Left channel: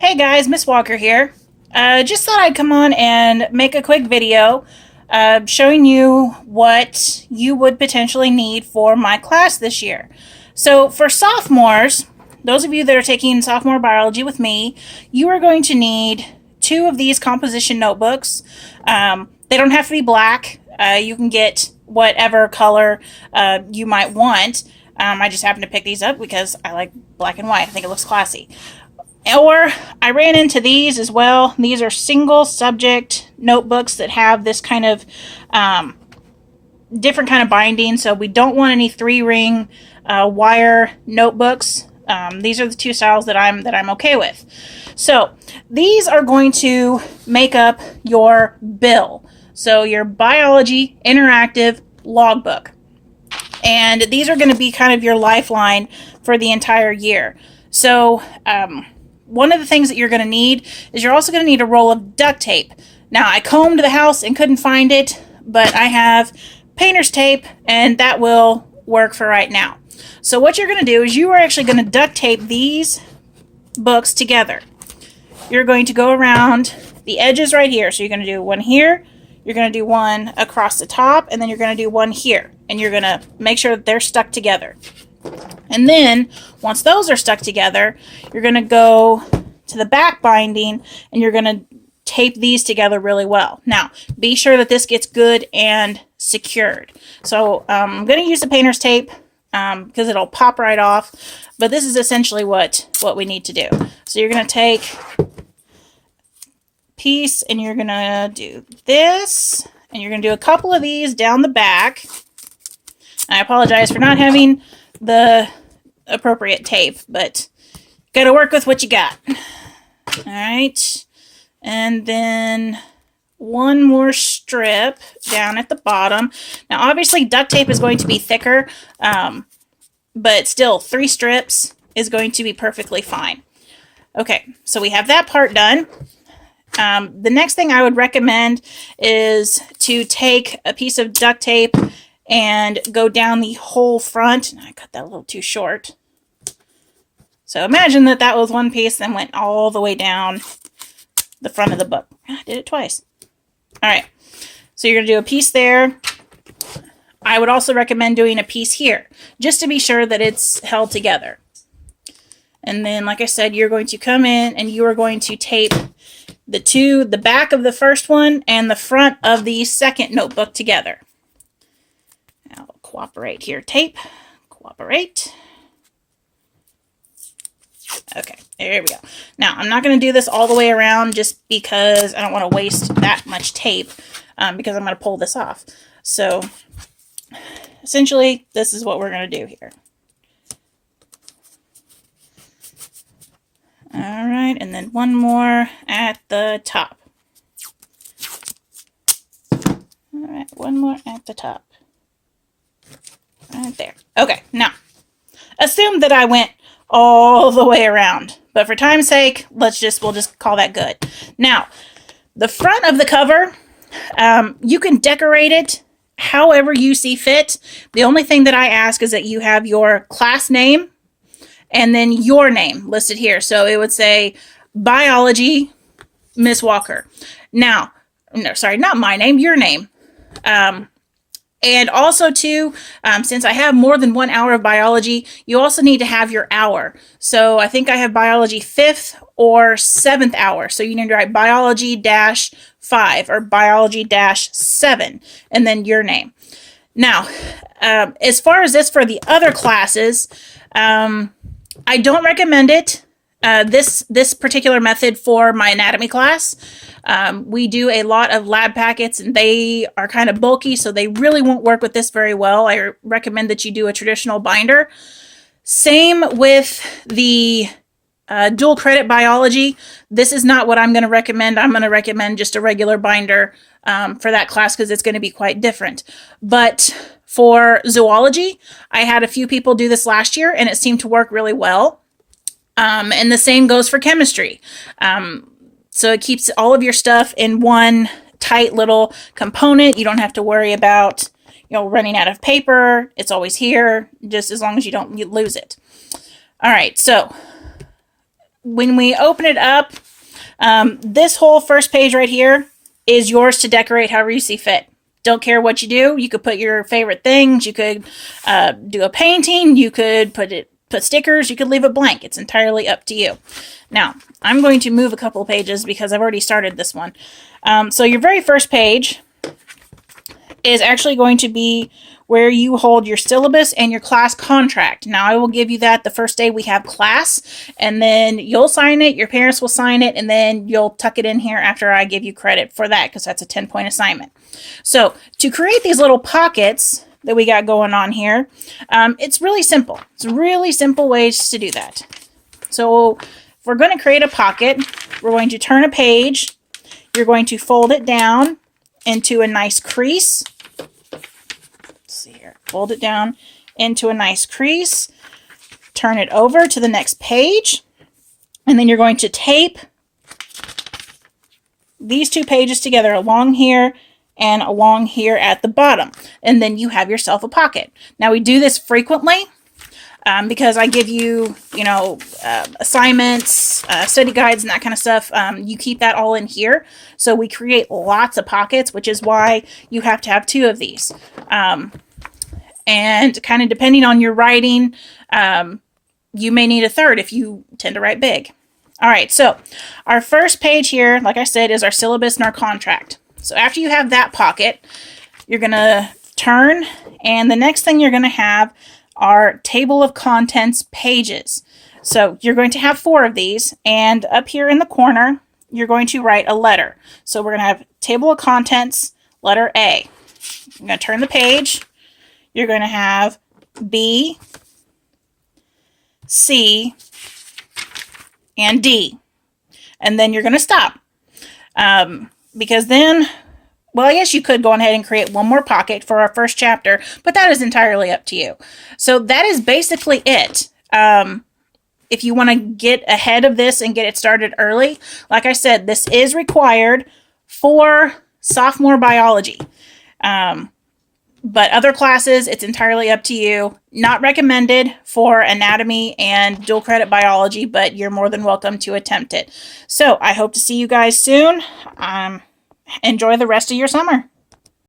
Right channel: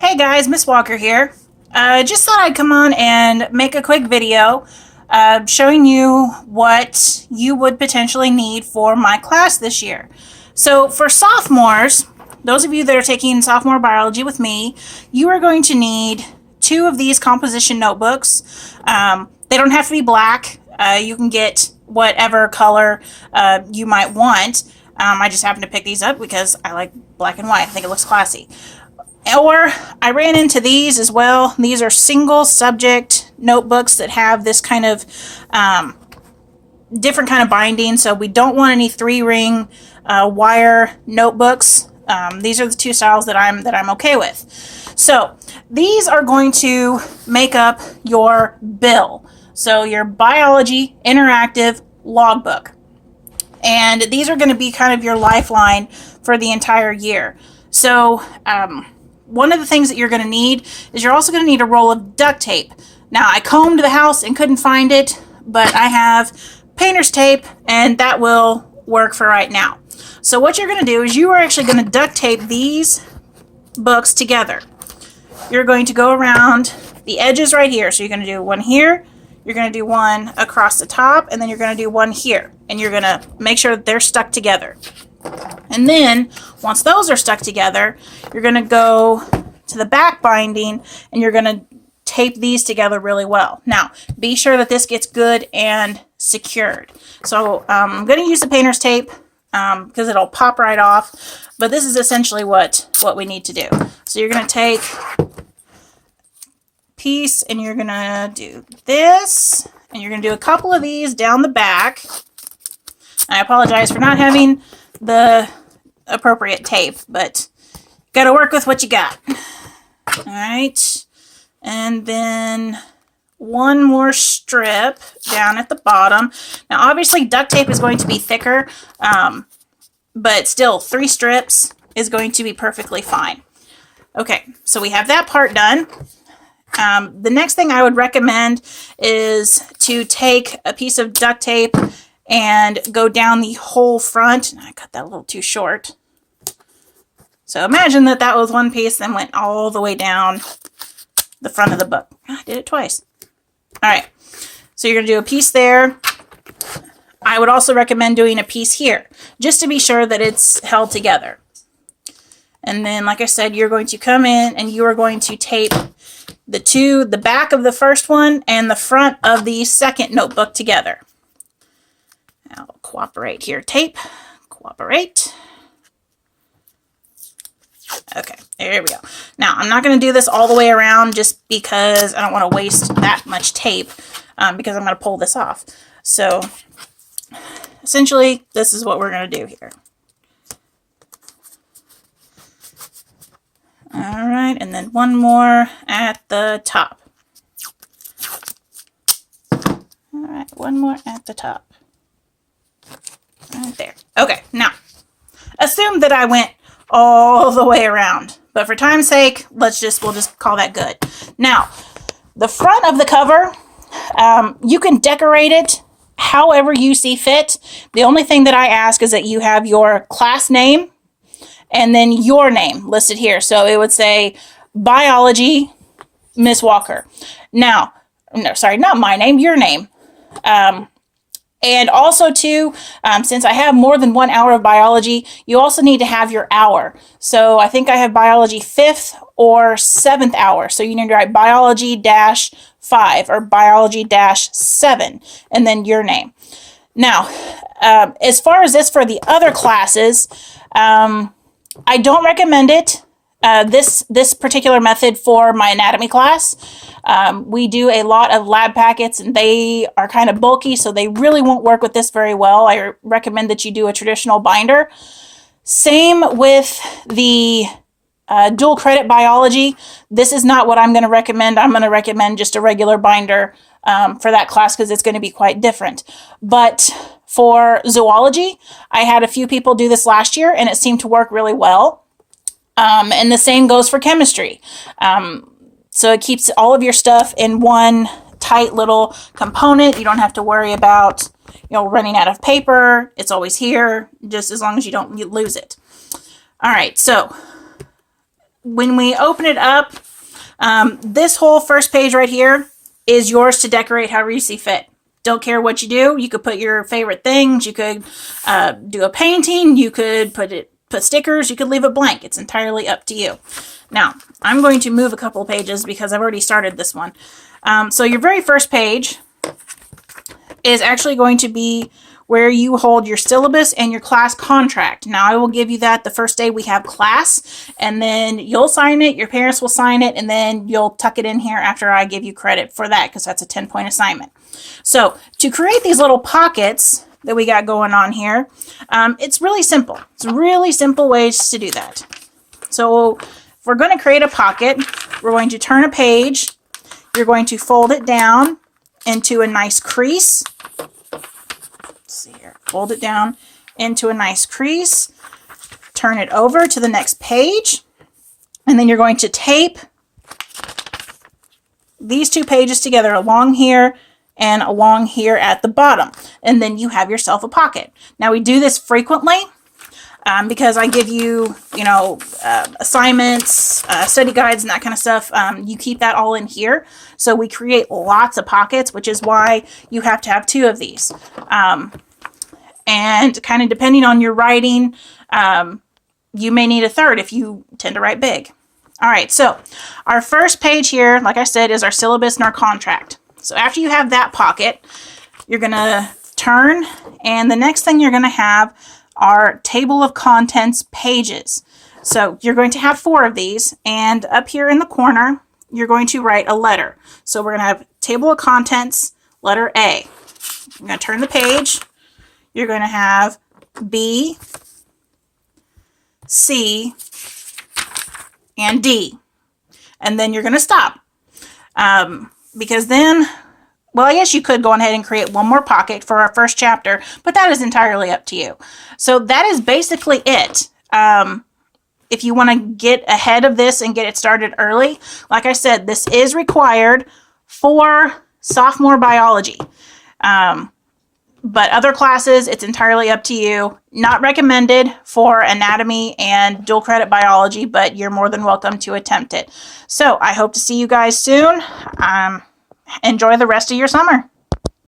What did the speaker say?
Hey guys, Miss Walker here. Just thought I'd come on and make a quick video showing you what you would potentially need for my class this year. So for sophomores, those of you that are taking sophomore biology with me, you are going to need two of these composition notebooks. They don't have to be black. You can get whatever color you might want. I just happened to pick these up because I like black and white. I think it looks classy. Or I ran into these as well. These are single subject notebooks that have this kind of different kind of binding. So we don't want any 3-ring wire notebooks. These are the two styles that I'm okay with. So these are going to make up your bill. So your biology interactive logbook. And these are going to be kind of your lifeline for the entire year. So one of the things that you're going to need is you're also going to need a roll of duct tape. Now, I combed the house and couldn't find it, but I have painter's tape, and that will work for right now. So what you're going to do is you are actually going to duct tape these books together. You're going to go around the edges right here. So you're going to do one here, you're going to do one across the top, and then you're going to do one here. And you're going to make sure that they're stuck together. And then, once those are stuck together, you're going to go to the back binding and you're going to tape these together really well. Now, be sure that this gets good and secured. So, I'm going to use the painter's tape because it'll pop right off. But this is essentially what we need to do. So, you're going to take a piece and you're going to do this. And you're going to do a couple of these down the back. I apologize for not having the appropriate tape, but got to work with what you got. All right. And then one more strip down at the bottom. Now, obviously, duct tape is going to be thicker, but still, 3 strips is going to be perfectly fine. Okay, so we have that part done. The next thing I would recommend is to take a piece of duct tape and go down the whole front. I cut that a little too short. So imagine that was one piece, then went all the way down the front of the book. I did it twice. All right. So you're going to do a piece there. I would also recommend doing a piece here, just to be sure that it's held together. And then, like I said, you're going to come in and you are going to tape the back of the first one and the front of the second notebook together. Now, cooperate here, tape. Cooperate. Okay, there we go. Now, I'm not going to do this all the way around just because I don't want to waste that much tape because I'm going to pull this off. So, essentially, this is what we're going to do here. All right, and then one more at the top. All right, one more at the top. Right there. Okay, now, assume that I went all the way around. But for time's sake, we'll just call that good. Now, the front of the cover, you can decorate it however you see fit. The only thing that I ask is that you have your class name and then your name listed here. So it would say Biology, Miss Walker. Now, no, sorry, not my name, your name. And also, too, since I have more than 1 hour of biology, you also need to have your hour. So I think I have biology 5th or 7th hour. So you need to write biology-5 or biology-7 and then your name. Now, as far as this for the other classes, I don't recommend it. This particular method for my anatomy class. We do a lot of lab packets and they are kind of bulky, so they really won't work with this very well. I recommend that you do a traditional binder. Same with the dual credit biology. This is not what I'm going to recommend. I'm going to recommend just a regular binder for that class because it's going to be quite different. But for zoology, I had a few people do this last year and it seemed to work really well. And the same goes for chemistry. So it keeps all of your stuff in one tight little component. You don't have to worry about, running out of paper. It's always here, just as long as you don't lose it. All right, so when we open it up, this whole first page right here is yours to decorate however you see fit. Don't care what you do. You could put your favorite things. You could do a painting. You could put stickers. You could leave it blank. It's entirely up to you. Now, I'm going to move a couple pages because I've already started this one. So your very first page is actually going to be where you hold your syllabus and your class contract. Now, I will give you that the first day we have class, and then you'll sign it, your parents will sign it, and then you'll tuck it in here after I give you credit for that, because that's a 10-point assignment. So, to create these little pockets that we got going on here, it's really simple. It's really simple ways to do that. So, if we're going to create a pocket, we're going to turn a page, you're going to fold it down into a nice crease. See here, fold it down into a nice crease, turn it over to the next page, and then you're going to tape these two pages together along here and along here at the bottom, and then you have yourself a pocket. Now, we do this frequently because I give you, assignments, study guides, and that kind of stuff. You keep that all in here, so we create lots of pockets, which is why you have to have two of these. And kind of depending on your writing, you may need a third if you tend to write big. All right, so our first page here, like I said, is our syllabus and our contract. So after you have that pocket, you're going to turn, and the next thing you're going to have are table of contents pages. So you're going to have 4 of these, and up here in the corner, you're going to write a letter. So we're going to have table of contents, letter A. I'm going to turn the page. You're going to have B, C, and D. And then you're going to stop. Because then, well, I guess you could go ahead and create one more pocket for our first chapter, but that is entirely up to you. So that is basically it. If you want to get ahead of this and get it started early, like I said, this is required for sophomore biology. But other classes, it's entirely up to you. Not recommended for anatomy and dual credit biology, but you're more than welcome to attempt it. So I hope to see you guys soon. Enjoy the rest of your summer.